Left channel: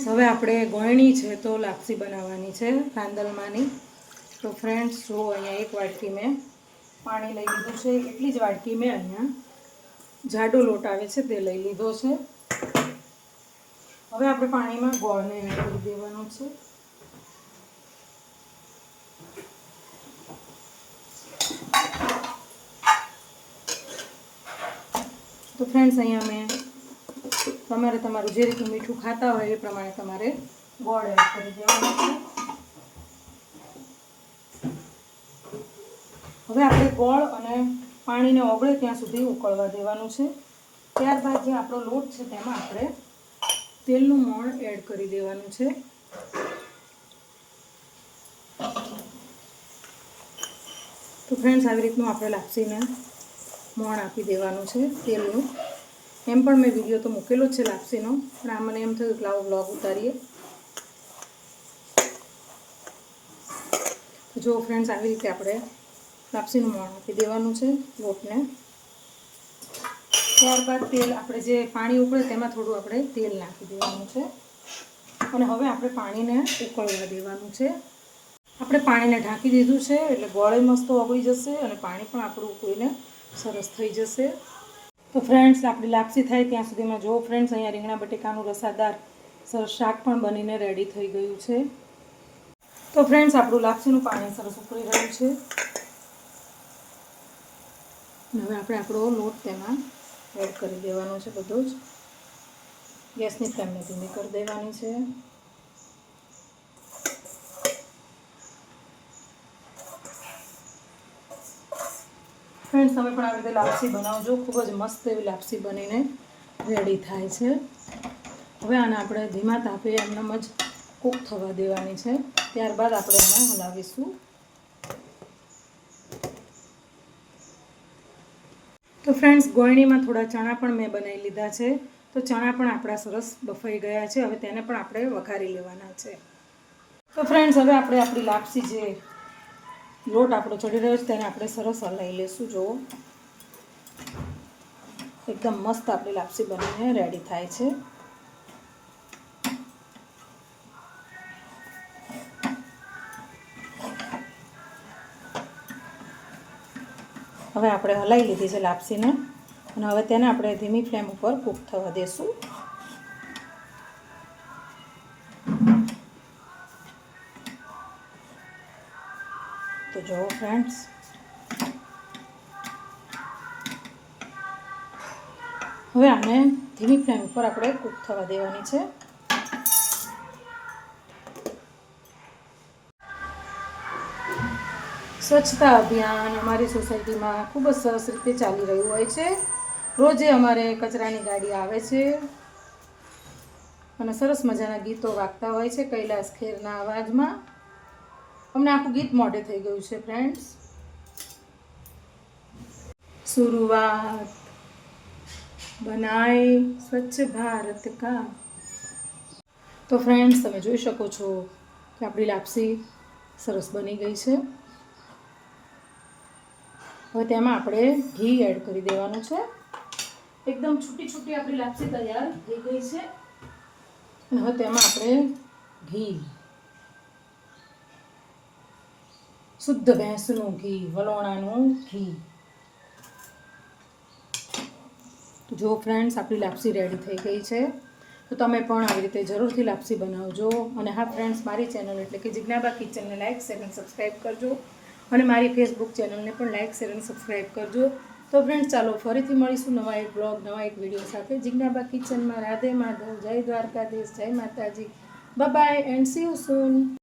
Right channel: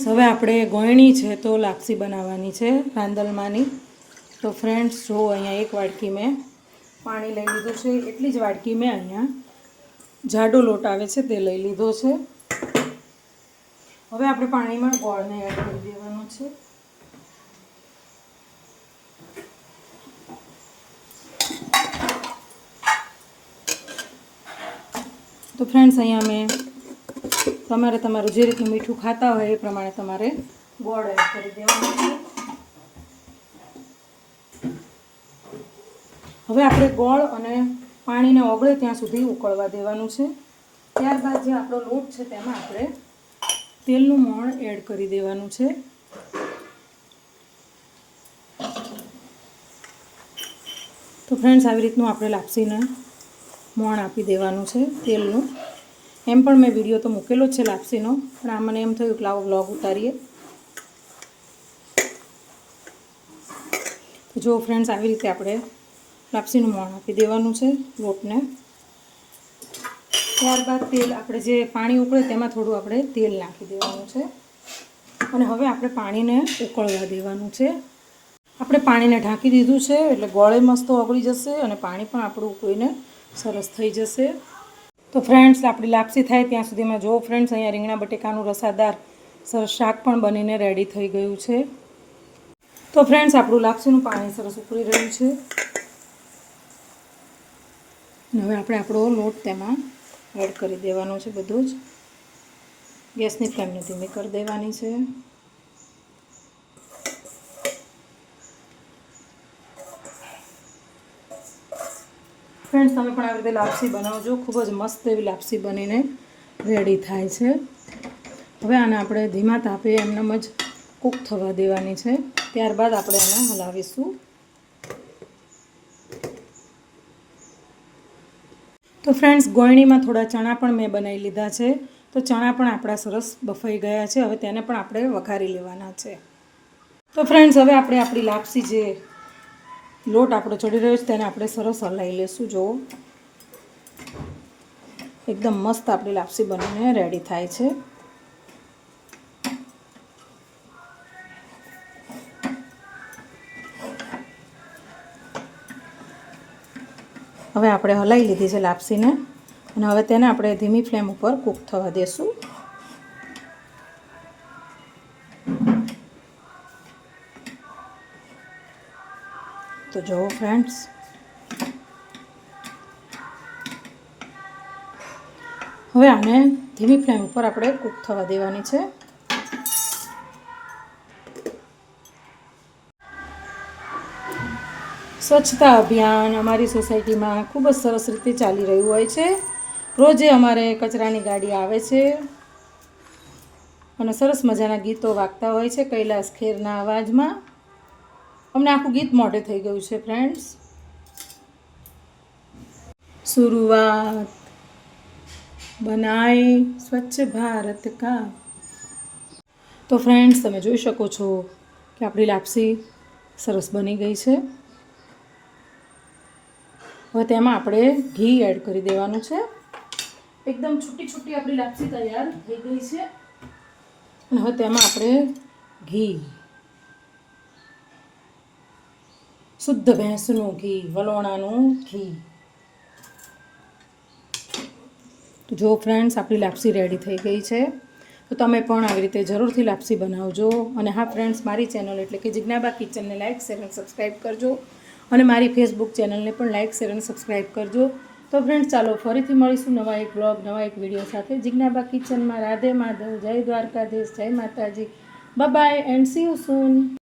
Friends હવે આપણે ગોયણી છે તો લાપસી બનાવવાની છે રાંદલમાંની. તો ફ્રેન્ડ્સ જો અહીંયા એક વાટકી મેં પાણી લઈ લીધું છે, એટલી જ વાટકી મેં અહીંયા જાડો લોટ આવે છે તે લઈ લીધો છે. હવે આપણે પાણીમાં ગોળને એડ કરી દેવાનો છે. તો ફ્રેન્ડ્સ અહીંયા મેં તમારું જે રીતનું મીઠું ખાતા હોય એ પ્રમાણે તમારે ગોળ એડ કરી દેવાનું છે. હવે આપણે ગોળ અને પાણીને ઓગળે ત્યાં સુધી ઉકળવા દેવાનું છે. ત્યારબાદ જે આપણો લોટ છે તેમાં આપણે તેલનું મોણ એડ કરી દેવાનું છે. તો ફ્રેન્ડ્સ આવી રીતનું આપણે લાપસીને મોણ આપી દેવાનું છે તેલનું. એમ પણ મેં વિડીયો તો મૂકેલો જ છે લાપસીનો, પણ આ મને એમ થયું કે લાવો વ્લોગ ઉતારીએ. તો જો ફ્રેન્ડ્સ આવી રીતે આપણે લાપસીનું મોણ આપી દેવાનું છે લોટને. ત્યારબાદ તેલ આપણે જે પાણી ઉકળે તેમાં થોડું આપણે તેલ નાખી દેવાનું છે અને હવે આપણે પાણીને ઉકળવા દેવાનું છે. આપણે પાણીને ઢાંકી દીધું છે એટલે ગોળે મસ્ત ઓગળી જશે અને પાણી પણ આપણું ઉકળીને સરસ થઈ જશે. તો ફ્રેન્ડ્સ આપણી લાપસી થાય ત્યાં સુધીમાં જો ફ્રેન્ડ્સ અહીંયા રીંગણા બટેકાનું રસાદાર સરસ શાક પણ બનીને રેડી થઈ ગયું છે. તો ફ્રેન્ડ્સ આપણું લાપસીનું પાણી સરસ ઉકળી રહ્યું છે. હવે આપણે આપણો લોટ તેમાં એડ કરી દેવાનો છે બધો જ. ગેસની ફ્લેમને ધીમી કરી દેવાની છે. ફ્રેન્ડ્સ તમે પણ આવી રીતે લાપસી બનાવજો, ખૂબ જ મસ્ત એવી લાપસી બનીને રેડી થાય છે. હવે આને આપણે ધીમા તાપે એમનેમ જ કૂક થવા દેવાની છે. ત્યારબાદ આપણે એને હલાવીશું. તો ફ્રેન્ડ્સ ગોયણીમાં થોડા ચણા પણ મેં બનાવી લીધા છે. તો ચણા પણ આપણા સરસ બફાઈ ગયા છે. હવે તેને પણ આપણે વઘારી લેવાના છે. તો ફ્રેન્ડ્સ હવે આપણે આપણી લાપસી જે લોટ આપણો ચડી રહ્યો છે તેને આપણે સરસ હલાવી લઈશું. જો એકદમ મસ્ત આપણી લાપસી બનીને રેડી થાય છે. હવે આપણે હલાવી લીધી છે લાપસીને અને હવે તેને આપણે ધીમી ફ્લેમ ઉપર કૂક થવા દેશું. તો જુઓ ફ્રેન્ડ્સ હવે આને ધીમી ફ્લેમ ઉપર આપણે કૂક થવા દેવાની છે. સ્વચ્છતા અભિયાન અમારી સોસાયટીમાં ખૂબ જ સરસ રીતે ચાલી રહ્યું હોય છે. રોજે અમારે કચરાની ગાડી આવે છે અને સરસ મજાના ગીતો વાગતા હોય છે કૈલાસ ખેરના અવાજમાં. અમને આખું ગીત મોઢે થઈ ગયું છે ફ્રેન્ડ્સ. शुरुआत बनाए स्वच्छ भारत का. તો ફ્રેન્ડ્સ તમે જોઈ શકો છો કે આપણી લાપસી સરસ બની ગઈ છે. હવે તેમાં આપણે ઘી એડ કરી દેવાનું છે. એકદમ છૂટી છૂટી આપણી લાપસી તૈયાર થઈ ગઈ છે અને હવે તેમાં આપણે ઘી, શુદ્ધ ભેંસનું ઘી, વલોણાનું ઘી. તો જો ફ્રેન્ડ્સ આપણી લાપસી રેડી થઈ ગઈ છે. તો તમે પણ આવી રીતે જરૂરથી લાપસી બનાવજો. અને હા ફ્રેન્ડ્સ, મારી ચેનલ એટલે કે જિજ્ઞાબા કિચનને લાઇક, શેર અને સબસ્ક્રાઈબ કરજો અને મારી ફેસબુક ચેનલને પણ લાઇક, શેર અને સબસ્ક્રાઈબ કરજો. તો ફ્રેન્ડ્સ ચાલો ફરીથી મળીશું નવા એક બ્લોગ, નવા એક વિડીયો સાથે. જિજ્ઞાબા કિચનમાં રાધે માધવ, જય દ્વારકાધીશ, જય માતાજી. Bye bye and C you soon.